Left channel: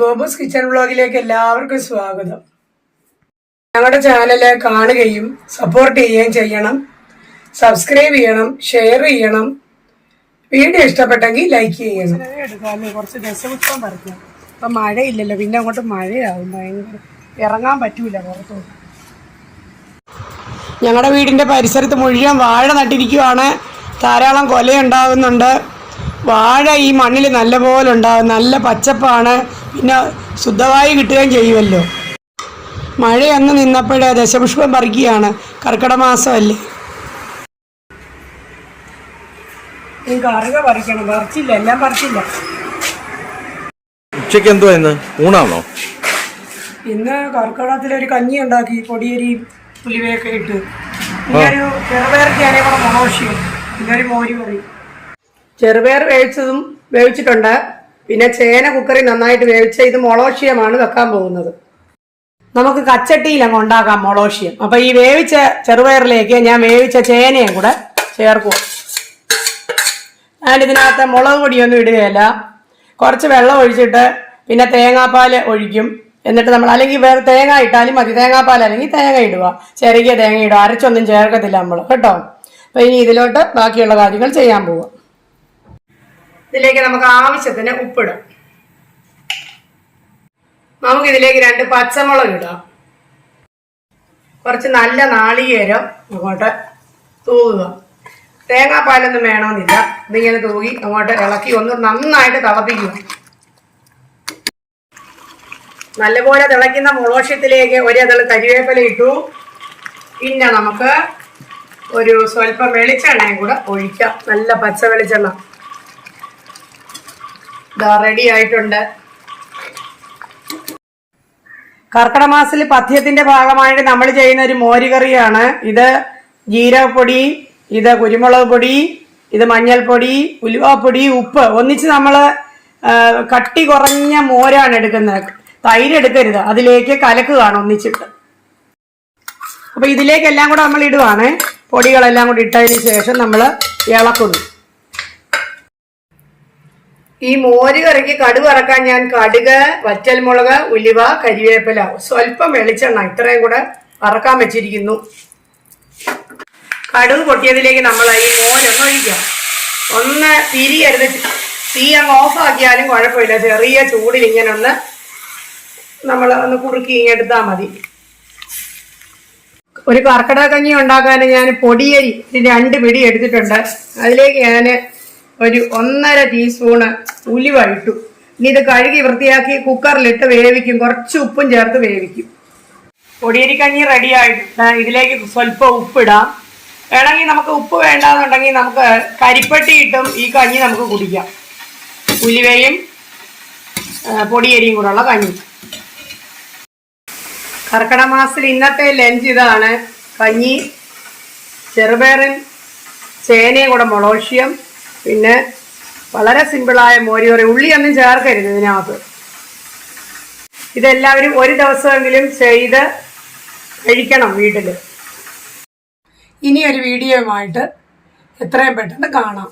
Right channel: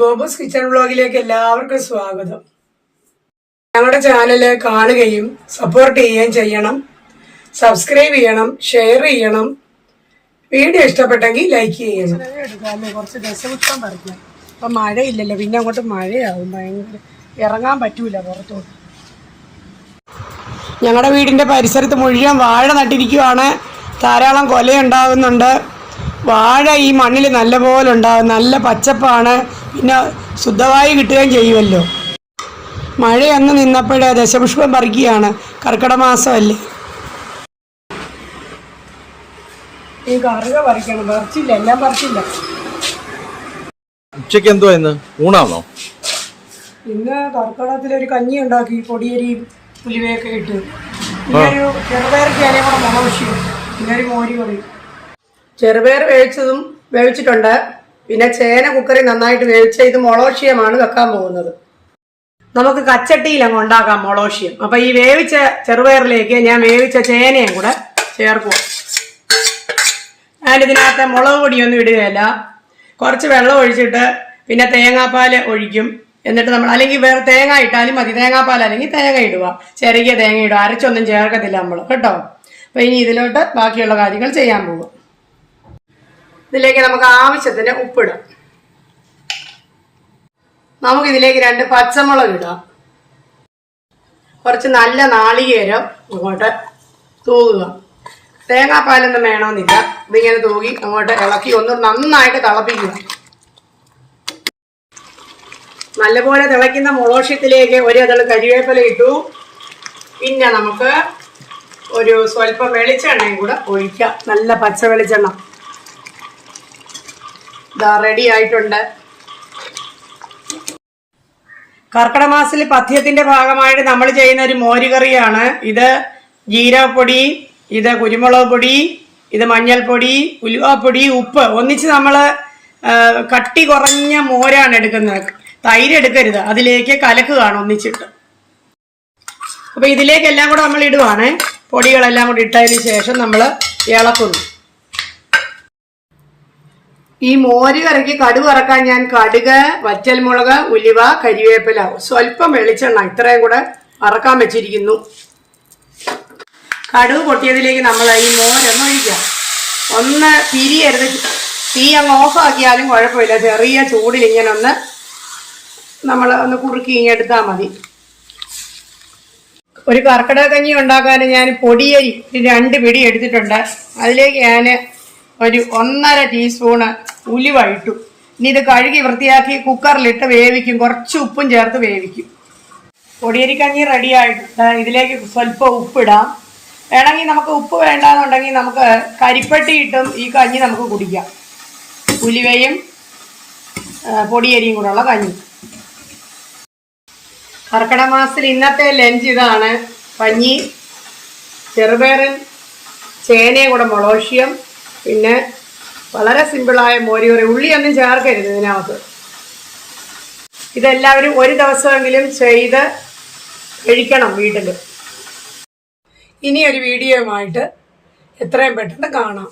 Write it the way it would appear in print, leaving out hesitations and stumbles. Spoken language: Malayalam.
ഗോപൂസ് കിച്ചൺ വ്ലോഗിലേക്ക് എല്ലാവർക്കും സ്വാഗതം. ഞങ്ങളുടെ ചാനല് കാണുകയും സപ്പോർട്ട് ചെയ്യുകയും ചെയ്യണം. സബ്സ്ക്രൈബ് ചെയ്യണം, ഷെയർ ചെയ്യണം. വീഡിയോ ഇഷ്ടപ്പെട്ടെങ്കിൽ ലൈക്ക് ചെയ്യണം. എടുക്കാമല്ലേ, കുറച്ച് ദശപുഷ്പം പറിക്കാം. ഇപ്പം മഴയില്ലല്ലോ, പിന്നെ അങ്ങോട്ട് മഴയാവും. ഭയങ്കര ഇറങ്ങാൻ പറ്റൂല പുറത്തോട്ട്. ഞങ്ങളുടെ വീടിൻ്റെ പരിസരത്ത് മുഴുവൻ വാഴ നട്ടിരിക്കുവാണ്. ധാരാളം കൊലയുണ്ടാകുന്നുണ്ട്. വാഴ ഈ മണ്ണിൽ നല്ലപോലെ ഉണ്ടാകും. നല്ല പച്ചപ്പാണ്. പിന്നെ ശുദ്ധവായു കിട്ടുകയും ചെയ്യുമല്ലോ. മഴയൊന്ന് നിന്നപ്പോഴേ ദശപുഷ്പം പറിക്കുകയാണ്. കർക്കിടക മാസമല്ലേ. ഈ കറുക പറിക്കണം. പറിച്ചില്ല, എല്ലാം പറിച്ചില്ല. ഉച്ചയ്ക്ക് എന്തോ ഇന്ന് ഊണാണോ? ഇന്ന് കർക്കിടകത്തിലൊരു കഞ്ഞി ഉണ്ടാക്കി, പൊടിയരിയും പുലിവയൊക്കെ ഇട്ട്. പിന്നെ ഒരു ചെറുപയർക്ക് ഞാനേ കൂടെ മുളകൊഴിയും. പിന്നെ ഒരു മോര് കറി. ചെറുപയർ വേവിച്ചിട്ടുണ്ട്. പിന്നെ ചേന കുക്കറിൽ നന്നായിട്ട് വേവിച്ച ഇത് മുളകൊഴിയമാണ് വെക്കാൻ പോകുന്നത്. നമുക്ക് കച്ചട്ടിയിലങ്ങ് ഉണ്ടാക്കാം മുളകൊഴിയം. അപ്പൊ ഈ വേവിച്ച ചെറുപയറിലേക്ക് ഞാൻ വേവിച്ച ചേനയും കൂടെ ചേർക്കും. ഞാനിതിനകത്ത് മുളക് പൊടിയൊന്നും ഇടുകയില്ല. കുറച്ച് വെള്ളം ഒഴിച്ചിട്ട് പിന്നെ തേങ്ങാപ്പാൽ ഒഴിക്കും. എന്നിട്ട് നമ്മൾ അല്ലെങ്കിൽ വേറെ തേങ്ങ ഇട്ടാലും മതി. തേങ്ങാപ്പാൽ അല്ലെങ്കിൽ തേങ്ങ ഇടുക, ചെറിയ തേങ്ങ ഇടുക. അരച്ചൊന്നും ചേർക്കത്തില്ല നമ്മൾ കേട്ടോ. അപ്പൊ ഇനി ഇതിലോട്ട് ബാക്കിയുള്ള കാര്യങ്ങൾ ചെയ്യാൻ പോവാം. ഇതിലേക്ക് നമുക്ക് ആവശ്യത്തിന് ഉപ്പിടാം. നമുക്കിതിലേക്ക് 2 പച്ചമുളക് ഇടാം. കുറച്ച് നല്ല നാളികേരം അങ്ങോട്ട് തൂകുക. തേങ്ങാപ്പാലൊന്നും വേണമെന്നില്ല. ഇതിങ്ങനെ തൂകി അങ്ങോട്ട് ഇളക്കി ഒന്ന് നന്നായിട്ട് തിളപ്പിക്കുക. നല്ലപോലെ തിളയ്ക്കുന്ന മുളോഷ്യത്തിലേക്ക് ഒരു അതള് കരിവേപ്പില ഇട്ടു. പിന്നെ നമുക്ക് ഒരു സ്വല്പം വെളിച്ചെണ്ണയും കൂടെ ഒഴിക്കാം. നല്ല പച്ച വെളിച്ചെണ്ണ. ഇതാ റെഡി ആയിട്ടുണ്ട്. കർക്കിടക മാസത്തിൽ പഥ്യത്തിന്റെ ഭാഗമായിട്ട് നമ്മൾ ചെയ്യുന്ന ഒരു മോരുകറിയാണ് ഇത്. ജീരകപ്പൊടി, ഇത് കുരുമുളക് പൊടി, ഇത് മഞ്ഞൾപ്പൊടി, ഉലുവാപ്പൊടി, ഉപ്പ് ഒന്നിച്ച് നമ്മൾ കട്ടി കുറഞ്ഞ മോരാണ് എടുക്കുന്നത്. തൈര് എടുക്കരുത്. അതിലേക്ക് കലക്കുകയാണ് ഒന്നിച്ചിട്ട്. അപ്പൊ ഇതിലേക്കെല്ലാം കൂടെ നമ്മൾ ഇടുവാണ്. പൊടികളെല്ലാം കൂടി ഇട്ടതിന് ശേഷം നമ്മൾ ഇളക്കുന്നു. ഈ മോര് കറിക്ക് കടുക് വറക്കാൻ ഞാൻ കടുക്, വറ്റൽമുളക്, ഉലുവ, കരിവേപ്പില, സ്വല്പം വെളിച്ചെണ്ണ ഇത്രയും കൂടെ വറക്കാൻ വെച്ചിരിക്കുന്നു. കടുക് പൊട്ടിയതിലേക്ക് നമ്മൾ ഈ മോരൊന്ന് ഒഴിക്കാം. ഒന്ന് തിരിയരുത്. തീ അങ്ങ് ഓഫാക്കിയാലും കുഴപ്പമില്ല. ചെറിയ ചൂടിൽ ഇങ്ങനെ നമ്മൾ ഒന്ന് കുറുക്കി ഇങ്ങെടുത്താൽ മതി. ഒരു കർക്കിടക കഞ്ഞി ഉണ്ടാക്കാൻ ഞാൻ പൊടിയരി 2 പിടി എടുത്തിട്ടുണ്ട്. അതിലേക്ക് ഞാൻ ഒരു 1.5 ടീസ്പൂണ് ഉലുവ ഇട്ടു. ഇനി ഇത് കഴുകി വൃത്തിയാക്കി കുക്കറിലിട്ട് വേവിക്കും. കുറച്ച് ഉപ്പും ചേർത്ത് വേവിക്കും. പൊടിയരി കഞ്ഞി റെഡി ആയിട്ടുണ്ട്. ഇതിലേക്ക് സ്വല്പം ഉപ്പിടാം. വേണമെങ്കിൽ നമുക്ക് ഉപ്പ് വേണ്ടാന്നുണ്ടെങ്കിൽ നമുക്ക് കരിപ്പട്ടി ഇട്ടും ഈ കഞ്ഞി നമുക്ക് കുടിക്കാം. ഉലുവയും പൊടിയരിയും കൂടെയുള്ള കഞ്ഞി. കർക്കിടക മാസത്തിൽ ഇന്നത്തെ ലഞ്ച് ഇതാണ്. കഞ്ഞി, ചെറുപയറും ചേനയും കൂടെ മുളകൊഴിയം, പിന്നെ വളരെ സിമ്പിളായ മോരുകറി. ഉള്ളിയൊന്നും ചേർക്കരുത് ഇതിനകത്ത്. ഇതെല്ലാവരും ഒരു ദിവസമെങ്കിലും ചെയ്ത് കഴിക്കണം വീട്ടിൽ. ഇനി ഒരു വീഡിയോയുമായിട്ട് എത്രയും പെട്ടെന്ന് കാണാം.